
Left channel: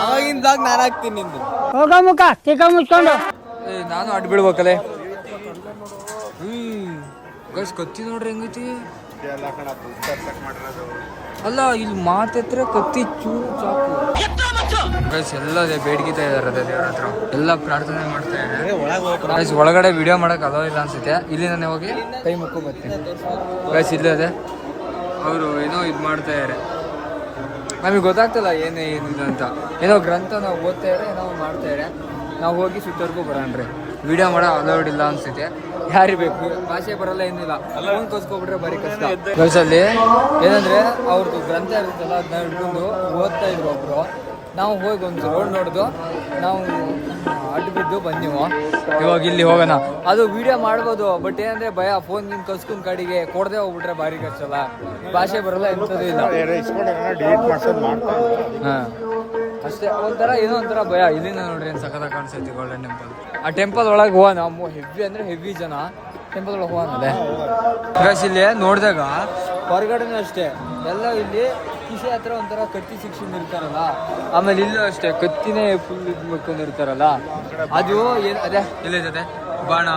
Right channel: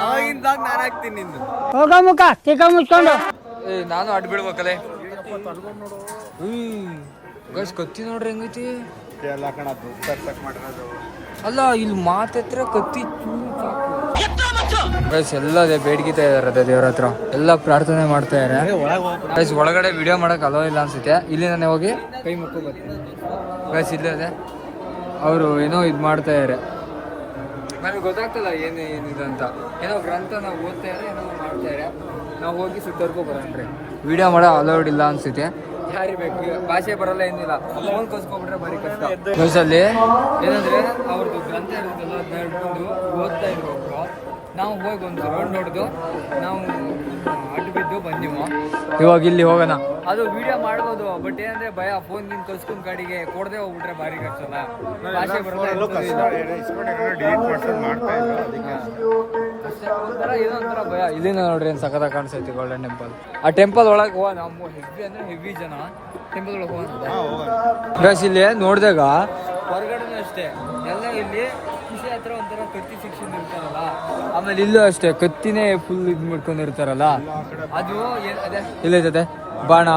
ಅವಾಗಿಂದಾಗ ನಾನು ಹಾಕ್ತೀನಿ ನಿಂದು. ಮುಖ ತಿಕ್ಕ ಮುಚ್ಕೊಂಡು ನಾನು ಅಡ್ ಬಿಡ್ಬೇಕಲ್ಲೇ. ಗೈಸ್ ಕತ್ತಿ ನೋಡ್ರಿ ಹೆಂಗೈತಿ. ಅಲ್ಲ ಇಲ್ಲಿ ಮಾತೆತ್ರ ಕತ್ತಿ ಚೂರು ಚಾಕು. ಗೈಸ್ ಎಲ್ಲ ಬೇಡ್ಗಿತಾ ಇದಾರೆ ದೇವ್ರ ಹತ್ರ, ಎಲ್ಲ ಪ್ರಾರ್ಥನೆ ಮಾಡ್ತಾ ಇದಾರೆ. ಗೈಸ್ ಒಳಗಡೆ ವಿಡಿಯೋ ಮಾಡಕ್ ಅಲೋ ಇಲ್ಲ ಅನ್ಸುತ್ತೆ. ಇಲ್ಲಿ ನಾನು ಹೋಗಿ ಕೈ ಮುಕ್ಕು ಬರ್ತೀನಿ. ಗೈಸ್ ಇಲ್ಲೇ ಅದೇ ಅವರು ಏನೋ ಇದು ಮಾಡ್ತಾ ಇದಾರೆ, ನಮಗೆ ಗೊತ್ತಾಗ್ತಲ್ಲ ಏನಿದೆ ಅಂತ. ಏನೋ ಗ್ರಂಥ ನಾವು ಓದ್ತಾ ಇದ್ರೆ ಏನೋ ಮಾಡ್ತಾ ಇದ್ರೆ ನಾವು ಹೋಗಿ ಸುತ್ತರ್ಗೂ ಬರೋಣ್ರಿ. ವಿಡಿಯೋ ಮಾಡೋ ಅಲೌಡ್ ಇಲ್ಲ ಅನ್ಸುತ್ತೆ. ಯಾರಿಗೆ ಬೇಕು, ಭಾಷೆ ಬರಲ್ಲ ಏನಿಲ್ಲ, ಫೋನ್ ಕಸ್ಕೊಬಿಟ್ರೆ ಭಾರಿ ಕಷ್ಟ. ಗೈಸಲ್ಲಿ ಏನಂದ್ರೆ ಅವ್ರದ್ದು ಗ್ರಂಥ ಇರುತ್ತಲ್ಲ ಅದನ್ನ ಹಿಡ್ಕೊಂಡು ಓದ್ತಾ ಇದ್ರು ಒಬ್ರು. ನಾವು ಹೋಗಿ ಒಂದು ರೋಡ್ ನೋಡ್ದು ನಾವು ಅಡ್ಡು ಬಿದ್ದು ಬಂದೀವು. ಇವಾಗ ಇಲ್ಲಿ ಹೋಗೋಣ. ಅದು ವಿಡಿಯೋ ಮಾಡ್ಬೋದು, ಬಟ್ ಏನಂದ್ರೆ ಭಯ, ಫೋನ್ ನಿನ್ ಕಸ್ಕೊಂಡ್ ಗಾಡಿಗೆ ಕೊಡದೆ ಹೋಗ್ಬಿಟ್ರೆ ಭಾರಿ ಕಷ್ಟಲ್ಲ. ಭಾಷೆ ಬರಲ್ಲ ಎಂತದೂ ಇಲ್ಲ ಅಷ್ಟೇ. ಒಂಥರ ಏನೋ ಒಂಥರ ಭಯ. ಇಲ್ಲಿಂದ ನೋಡ್ರಿ ಏನ್ ಸಖತ್ ಕಾಣಿಸ್ತೈತಿ ಗೋಲ್ಡನ್ ಟೆಂಪಲ್. ಆ ಟೆಂಪಲ್ ಒಳಗೆ ಹೋಗೋಣ. ಹೆವಿ ಅಂದ್ರೆ ಹೆವಿ ಜನ ಟೆಂಪಲ್ ಒಳಗೆ ಹೋಗೋಣ. ಗೈಸ್ ಇಲ್ಲಿ ನೋಡಿದಾಗ ಹೊರಗಡೆನೂ ಅಷ್ಟೇ ಎಲ್ಲ ಇಲ್ಲಿ ಕಿಸೆ ಹತ್ರ ಒಂಥರ ಕತ್ತಿ ಶಿಕ್ಷಣ ಇರ್ತಾರಲ್ಲ, ಆಮೇಲೆ ಇಲ್ಲೂ ಅಷ್ಟೇ ಕತ್ತಿನೇ ಫುಲ್ ಇಟ್ಕೊಂಡಿರ್ತಾರಲ್ಲ. ಅದು ಅದೇ ಇಲ್ಲೈತೆ ಬಾಣ.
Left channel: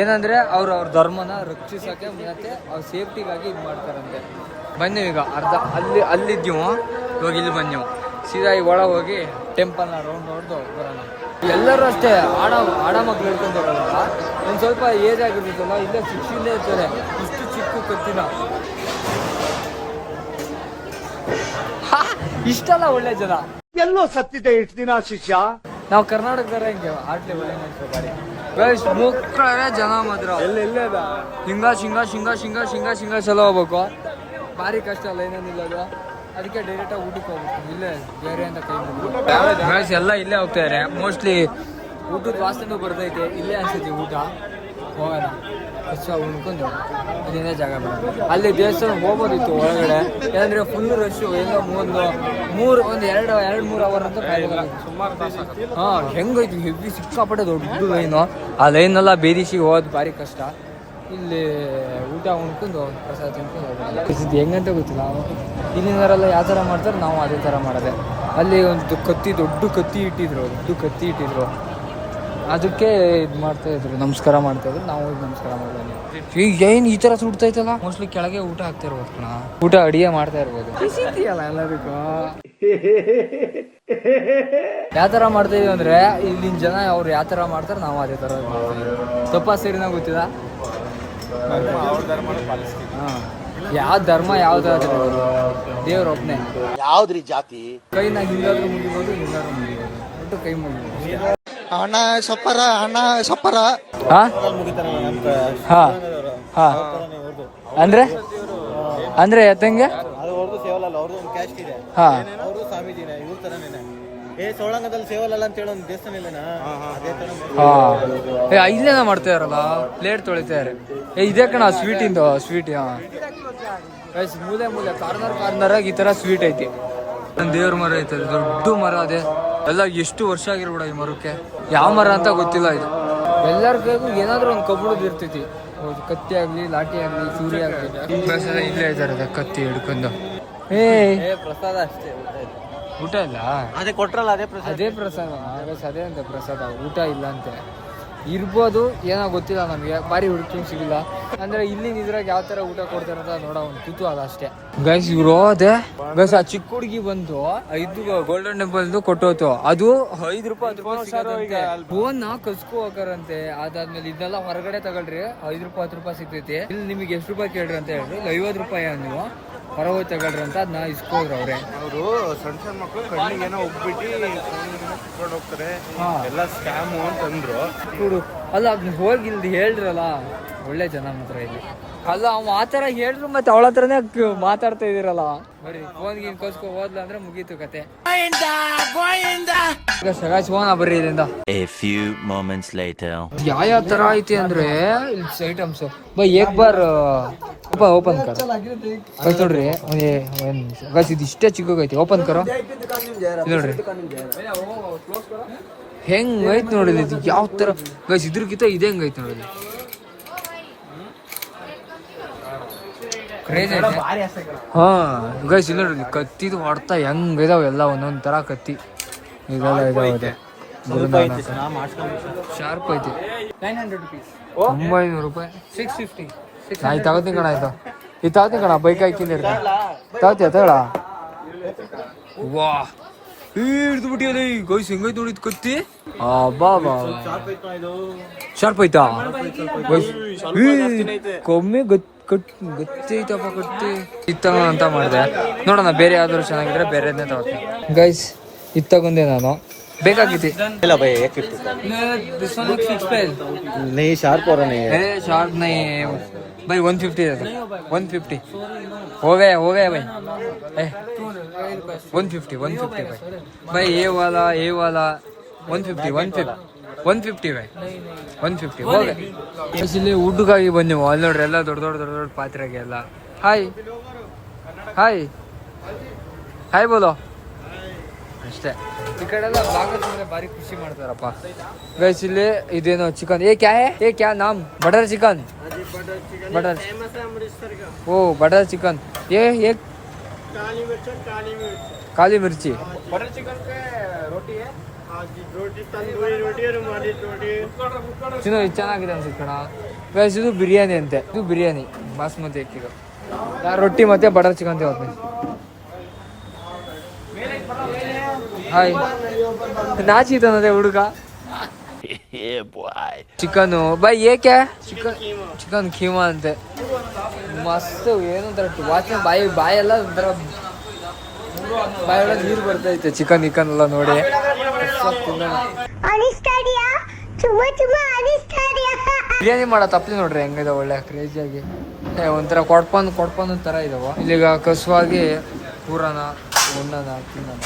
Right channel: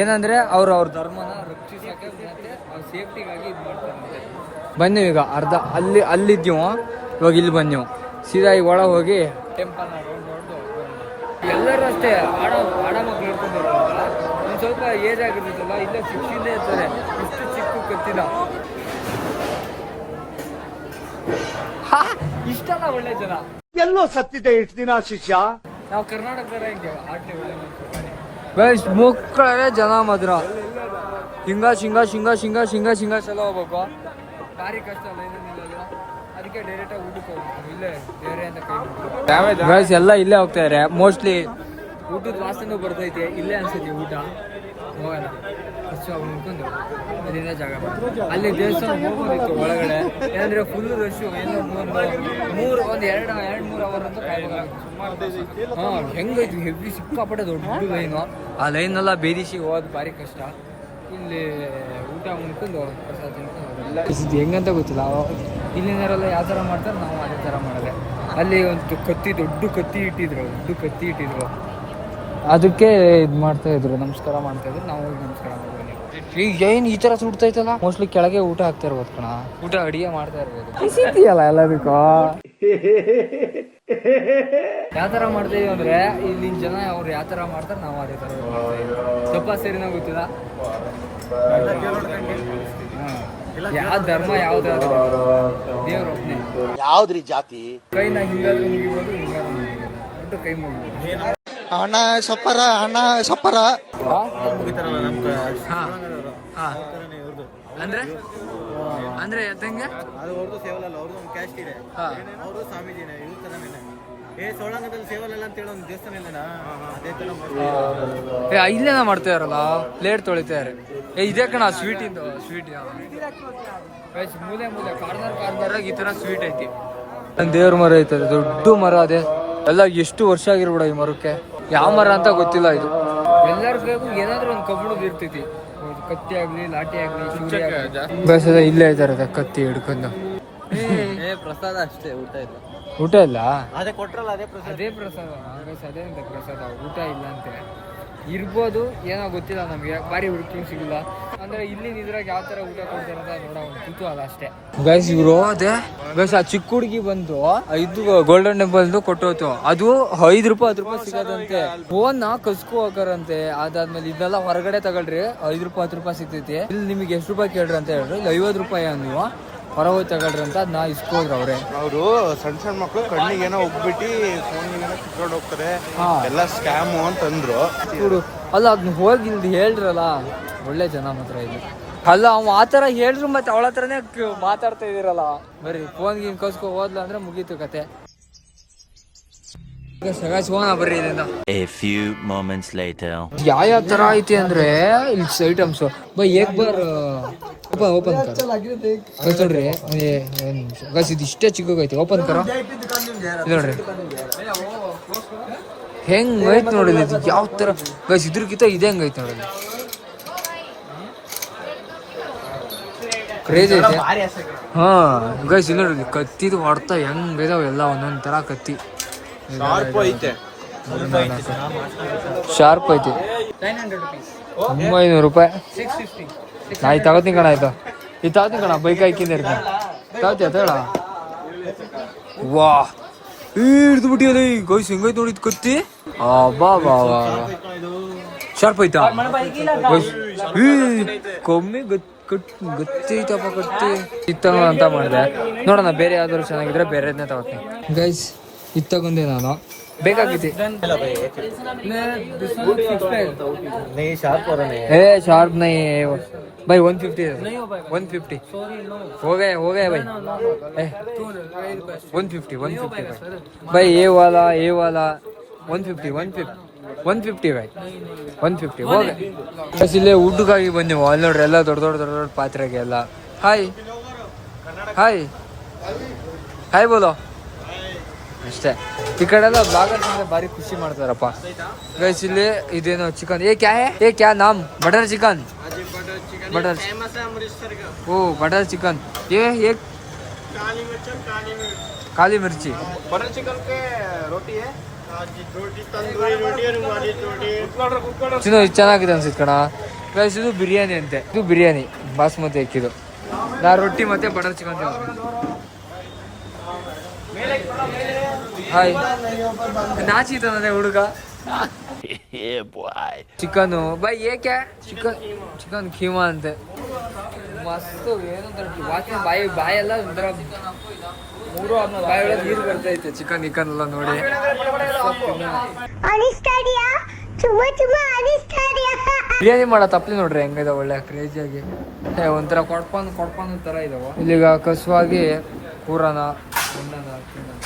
ಏನಂದ್ರೆ ಅವ್ರ ಧರ್ಮನ ರಕ್ಷಿಸಕ್ಕೆ ಮತ್ತೆ ಅವ್ರ ಸೇಫ್ಟಿಗಾಗಿ ಇದು ಮಾಡ್ತಾರಂತೆ. ಬನ್ನಿ ಈಗ ಅರ್ಧ ಅಲ್ಲಿದ್ದೀವೋ, ಇವಾಗ ಇಲ್ಲಿ ಬನ್ನಿವು ಸೀದಾ ಈಗ ಒಳಗೆ ಹೋಗಿ ಟೆಂಪಲ್ನ ರೌಂಡ್ ಹೊಡೆದು ಬರೋಣ. ಎಲ್ಲರೂ ಅಷ್ಟೇ ಆಡ ಮಕ್ಳು ಇಟ್ಕೊಂಡಿರೋಲ್ಲ. ಒಂದು ಸ್ವಲ್ಪ ಏಜ್ ಆಗಿರ್ತೈತಲ್ಲ, ಇಲ್ಲೇ ಶಿಕ್ಷಿಂದೇ ಇರ್ತಾರೆ. ಇಷ್ಟು ಚಿಕ್ಕ ಕತ್ತಿನ ಇಷ್ಟೆಲ್ಲ ಒಳ್ಳೆ ಜನ ಎಲ್ಲೋ ಸತ್ತಿದೆ ಇಷ್ಟು ದಿನ ಶಿಷ್ಯ. ನಾವು ಕರ್ನಾಟಕದವರ ಹಿಂಗೆ ಆಟ್ಲೆ ಒಳ್ಳೆ ಮಕ್ಕಳೇ ಜನ ಮಾತ್ರ ಹಿಂಗ ಚಲೋ ಹೋಗ್ಬೇಕು. ಭಾರಿ ಕಷ್ಟ ಅಲ್ಲ, ಏನೇನಿಲ್ಲ ಅದು. ಅದಕ್ಕೆ ಡೈರೆಕ್ಟಾಗಿ ಊಟಕ್ಕೆ ಹೋಗ್ಬೇಕು. ಇಲ್ಲೇ ಬೇರೆ ಅಂತ ಕೈ ಮುಗಿದು ಗೈಸ್ ಎಲ್ಲ ಇಲ್ಲೇ ಹೋಗ್ತಾ ಇದಾರೆ. ಮೋಸ್ಟ್ಲಿ ಊಟದ ವಾಸನೆ ಬರ್ತೈತೆ, ಇಲ್ಲೇ ಅನ್ಸುತ್ತೆ ಊಟ. ಹೋಗೋಣ ಕಷ್ಟ ಉಣ್ಕೊಂಡು ಇಲ್ಲಿಂದ ಜಾಗ ಮಾಡೋದು. ಅಲ್ಲಿ ದೇವಸ್ಥಾನ ಹೋಗೋದಿತ್ತು ಒಳಗಡೆ, ಏನಂದ್ರೆ ಫುಲ್ ರಶ್ಶು. ಎಲ್ಲ ಒಂದು 2-3 ಅವರ್ ಅಂತ ಹಾಂ ಹೆಂಗೈತಿ ಹೆವಿ ಸಿಕ್ಕಾಪಟ್ಟೆ ದೊಡ್ಡ ಲೈನು. ಆ ಲೈನೆಲ್ಲ ಬೇದಿಸಿ ಹೋಗೋದು ಭಾರಿ ಕಷ್ಟ. ಇಲ್ಲಿ ಊಟ ಉಣ್ಕೊಂಡು ಪ್ರಸಾದ ತಿನ್ಕೊಂಡು ಹೆಂಗಂತ ಗೊತ್ತಿಲ್ಲ. ಇಲ್ಲಿಂದರೆಲ್ಲ ಯಾವ ಥರ ಮಾಡ್ತಾರೆ, ನಾವು ಅದೇ ಥರ ಮಾಡೋದೆ. ಅಲ್ಲಿ ಒಂದು ದೊಡ್ಡ ಕತ್ತಿ ಇಟ್ಟಿದ್ರು. ಅದಕ್ಕೆ ಇದು ಮಾಡ್ತಾಯಿದ್ರು, ನಮಸ್ಕಾರ ಮಾಡ್ತಾಯಿದ್ರು. ನಾವು ಹೋಗಿ ನಮಸ್ಕಾರ ಮಾಡ್ಬೋದು. ಈಗ ಏನು ಈ ಥರ ಸುಡ್ತೈತಲ್ಲ, ಮೋಸ್ಟ್ಲಿ ಕೆಳಗೆ ಊಟ ಹಾಕ್ತಾ ಇರ್ಬೋದು ಕಣ, ಊಟ ಅಡಿಗೆ ಮಾಡ್ತಾ ಇರ್ಬೋದು. ಅಲ್ಲ ಎಲ್ಲದಕ್ಕೂ ಯಾವ ಥರ ಮಾಡ್ತಾಯಿದ್ದೀವಿ ಅಂದರೆ ಇಲ್ಲಿನ ಜನ ಅವ್ರು ಯಾವ ಥರ ಮಾಡ್ತಾರೆ ನಾವು ಅದೇ ಥರ ಮಾಡ್ತಾಯಿದ್ದೀವಿ. ತಪ್ಪ ಸರಿನ ಗೊತ್ತಿಲ್ಲ. ಹಾಂ ಯಾವ ಧರ್ಮ ಯಾವ್ದಾದ್ರು ದೇವ್ರ ಒಬ್ಬನೇ. ಯಾವ್ದ್ರಿ ಜಾತಿ? ಕೈನ ಹಿಂಗಾದ್ರೂ ಮುಗಿಬೋದು, ಹಿಂಗಾದ್ರೂ ಮುಗಿಬೋದು, ಒಟ್ಟು ಕೈ ಮುಗಿಬೋದು. ಹಣ ಸಪ್ಪರ ಅಂದ್ರೆ ಎತ್ತಂಗೆ ಅವ್ರದ್ದು ಸೇವಲಲ್ಲ, ಅವ್ರದ್ದು ಒಂದು ಕ್ಯಾಸ್ಟ್ ಇದೆ, ಅವ್ರದ್ದು ಸ್ವಾಮೀಜಿನೇ, ಇವ್ರ ತರನೇನೆ. ಸೋಳಂಗದಲ್ಲಿ ಸೇವಲಲ್ಲ ಅಂತ ಹೇಳೋ ಒಂದು ದೇವಸ್ಥಾನ ಇಲ್ಲನಾ, ಅದೇ ತರ ಇಲ್ಲೇನ ಮಾಡ್ತಾ ಇರಲ್ಲ, ಪ್ಲೇಟ್ ತೊಳಿತಾರೆ. ಇದೇ ಕಣ ಸ್ವೀಟ್. ಮೂಲೆ ಕಾರ್ನರ್ ಈ ತರ ಸ್ವೀಟ್ ಐತಿ. ದೇವ್ರ ಮರ ಐತದೆ, ದೊಡ್ಡ ಮರ. ಅದೇ ಎಲ್ಲ ಎಷ್ಟು ವರ್ಷ ಆಗಿರ್ಬಿಡ ಈ ಮರಕ್ಕೆ. ಯಾವ ಮರ ಅಂತ ಗೊತ್ತಿಲ್ಲ ಇದು. ಎಲ್ಲರ ಕೈಗೂ ಏನಾದ್ರೂ ಒಂದು ಕಬ್ಬಣದ್ದು ಇರ್ತೈತಿ. ಕತ್ತಿ ಆಗ್ಲಿ, ಲಾಠಿ ಆಗ್ಲಿ, ಚೂರಿ ಆಗ್ಲಿ. ಬಸ್ ಇಲ್ಲೇ ಇದಾರೆ ಕತ್ತಿ ಹಿಡ್ಕೊಂಡು. ಪ್ರಸಾದ ಅಷ್ಟೇ, ಊಟ ಇಲ್ಲ. ಊಟ ಇಲ್ಲ, ಅದೇ ಕೊಟ್ರಲ್ಲ ಅದೇ ಪ್ರಸಾದ. ಅದೇ ಅಂತ ಪ್ರಸಾದ, ಊಟ ಇಲ್ಲ ಅಂತೆ. ಇರ್ಬೋದು, ಏನೋ ಗೊತ್ತಿಲ್ಲ ನಮಗೆ, ಬಾರಿ ಹುಡುಕಿ ಸಿಗಿಲ್ಲ. ಅಂದ್ರೆ ಇಲ್ಲಿನ ಇದ್ರಾಗ ಯಾವ ತರ ಊಟ ಕೊಡ್ತಾರ ಅಂತ ನೋಡೋ ಒಂದು ಕುತೂಹಲ ಅಷ್ಟೇ. ಗೈಸ್ ಇವ್ರು ಅದೇ ಗೈಸ್, ಆ ಚಿಕ್ಕ ಹುಡುಗಿ ಬಂದು 5 ಗೋಲ್ಡನ್ ಟೆಂಪಲ್ ಕೊಟ್ಟೋತು. ಅದು 5 ರೂಪಾಯಿ 10 ರೂಪಾಯಿ ಸಿಗೋದಂತೆ. ಫೋನ್ ಕಸ್ಕೊ ಹೋಗಾರಂತೆ. ಅದಾದ್ಮೇಲೆ ಇದನ್ನೆಲ್ಲ ಹೊರಗಡೆ ತಗೊಳ್ರಿ, 5 ರೂಪಾಯಿ 10 ರೂಪಾಯಿ ಸಿಗ್ತೈತಿ. ಇಲ್ಲಿ ನಿಮಗೆ ಎಷ್ಟು ರೂಪಾಯಿ ಕೇಳ್ರಿ ಅಂತ ಹೇಳ್ರಿ. ಇಲ್ಲಿ 50 ರೂಪಾಯಿ ನೀವು ಹೊರ ಹೋಗಿ ತಗೊಳ್ರಿ ಅಂತ ಅದನ್ನ ಇಸ್ಕೋದ್ರು ಅವ್ರೆ. ಅವರು ಸಣ್ಣ ಸಣ್ಣ ಮಕ್ಕಳು ಕಣ್ಣಿಗೆ ಏನೋ ಹೋಗ್ಬಿಟ್ಟು ಹೋಗ್ತಾರೆ, ಎಲ್ಲ ಸ್ಕ್ಯಾಮು ಅಂತಂದ್ರು. ಕೊಡು ಅಲ್ಲ, ಅದನ್ನ ಹೋಗಿ ಇಲ್ಲಿ ಹೇಳ್ರಲ್ಲ, ಒಳ್ಳೆ ಜನ ಮಾತ್ರ ಇಲ್ಲಿ. ಅಲ್ಲ ಅವ ಆತರ ಹೇಳ್ರು, ಮತ್ತೆ ಅವಳ ಹತ್ರನೇ ಮಾತಾಡ್ತಾ ಇದೀರಲ್ಲ. ಬರೀ ಫೋನ್ಗೆ ಕಸ್ಕೊ ಹೋದ್ಲ ಅಂದ್ರೆ ಮುಗೀತು ಕತೆ. ಫೋನ್ ಬರ್ರಿ ಇದರಿಂದ. ಯಾವ ತರ ಐತಿ ಅಂದ್ರೆ ಇಲ್ಲಿ items by Ek bar open ಕರ ನೋಡ್ರಿ. ಗೈಸ್ ಇದು ಇಷ್ಟೇ ಚಿಕ್ಕಗೈತಿ. ಓಪನ್ ಕರೋ ನೋಡ್ರಿ ಹೆಂಗ್ ಐತಿ ನೋಡಿ. ಇದು ಯಾವ ತರ ಗೈಸ್, ಇದ್ರಕ್ಕಿಂತ ಇದೆ ಹೆಂಗ್ ಐತಿ ನೋಡಲಿ. ಕ್ರೇಜ್ ಐತೆ. ಹಾ ಗೈಸ್ ಇಲ್ಲ ನೋಡ್ರಿ, ಕತ್ತಿದು ಹೊಡ್ತಾ ಹೆಂಗ್ ಇದಾವ ಎಲ್ಲ ಒಂದೊಂದ್ ತರ ಕತ್ತಿ. ಗುರುನಾನಕ್ ಶಾರ್ಪ್ ಐತಿ. 900 ರೂಪಾಯಿ. ನಾ ಇದು ತಗೋತೀನಿ ಕಣ. ಆಯ್ತು ಇದು ತಗೋತೀನಿ ಕಣ. ಬೈಕ್ ಹಾಕಿಂದ ಇರ್ತೀನಿ. ತಗೋತೀಯ ತಗೊಳ. ವಾ ಹಿಡ್ದು ಬಿಟ್ಟಿಯಲ್ಲ ಗೈಸ್, ಹೆಂಗೈತೆ ನೋಡಿ ಕತ್ತಿ. ಬಾ ಬಾ ಬಾ ಶಾರ್ಪ್ ಐತಾ ಗೈಸ್. ಕಮ್ಮಿ ಗತ್ತಿ ಐತಪ್ಪ ಕತ್ತಿ. ಇತ್ತ ಅಂತ ಮಾಡಿದೆ ನೋಡೋಣ, ಬೇರೆ ಯಾವ್ದಾದ್ರು ಚೆನ್ನಾಗಿದ್ರೆ ಬೇರೆದನ್ನೇ ತಗೋತೀನಿ. ಗೈಸ್ ಇದು ತಗೊಂಡೆ ನಾನು, ಬೇಕಾಗಿತ್ತು. ಶಾರ್ಪ್ ನೈ भाई 150 है 150 हो गया भाई 150 भाई ये वाला 150 भाई 150 हो गए. ಇಲ್ಲೇ ಊಟಕ್ಕಾಗಿ ಬಂದೆವು. ಅಲ್ಲಿ ನೋಡ್ರಿ ಎಲ್ಲ ದೊಡ್ಡ ದೊಡ್ಡ ಪಾತ್ರೆಗೆ ಎಲ್ಲ ಹಾಯ್ ಬೋಲೋ ಅಷ್ಟೇ. ಈ ಕಡೆ ಎಲ್ಲ ಬ್ಲಾಗರ್ ಅಂದ್ರೆ ಭಾರಿ ಖುಷಿ ಮಾಡ್ತಾರಪ್ಪ. ಗೈಸ್ ಇಲ್ಲಿ ಇದೇನೋ ಚಿಕನ್. ಏ ಕ್ಯಾ ನಾಮ್? Butter chicken. ओ बटर चिकन. ये काली मिर्ची. बटर चिकन के रोटी है, तंदूरी रोटी है, रुमाली रोटी. ತಿನ್ನೋ ಇದು ಚೆನ್ನಾಗಿದೆ ಅನ್ಸುತ್ತೆ ಕಣ. ಗೈಸ್ ಇದು ಬಿರಿಯಾನಿ ಅಂತೆ. ಇದು ಬಿರಿಯಾನಿ ಬಾಸ್ಮತಿ ಅಕ್ಕಿದು. ನಾ ರೊಟ್ಟಿ ಮತ್ತೆ ಬಟರ್ ಚಿಕನ್ ತಗೋತೀನಿ. ಹಾಯ್ ನಾಚಿತಾನದೆ ಹುಡುಗ. ಚಿಕನ್ ಬೈ ಏಕೆ ಚಿಕನ್ ಖೀಮಾ ಅಂತೆ. ಮಸ್ತ್ ಏನಂತ ವಾಸನೆ ಬಾಯೆಲ್ಲ ಒಂಥರ ಬಾಯೊಳಗೆ ನೀರು ಬರ್ತೈತೆ. ಚಿಕನ್ ಎಲ್ಲ ನೋಡಿ ಬಿರಿಯಾನಿ ಮಾಡೋ ತಪ್ಪಲಿ ನೋಡ್ರಿ ಹೆಂಗಿದೆ, ಒಳ್ಳೆ ಕ್ರೇಜಿಯಾಗಿ ಒಂಥರ ಕೊಡ್ಪನ್ ತರ ಇದಾವ. ಇಲ್ಲಿಗ ಕಸುವಾಗಿ ಕೂರನ ಉಣ್ಣನ ತಿನ್ನೋಣ.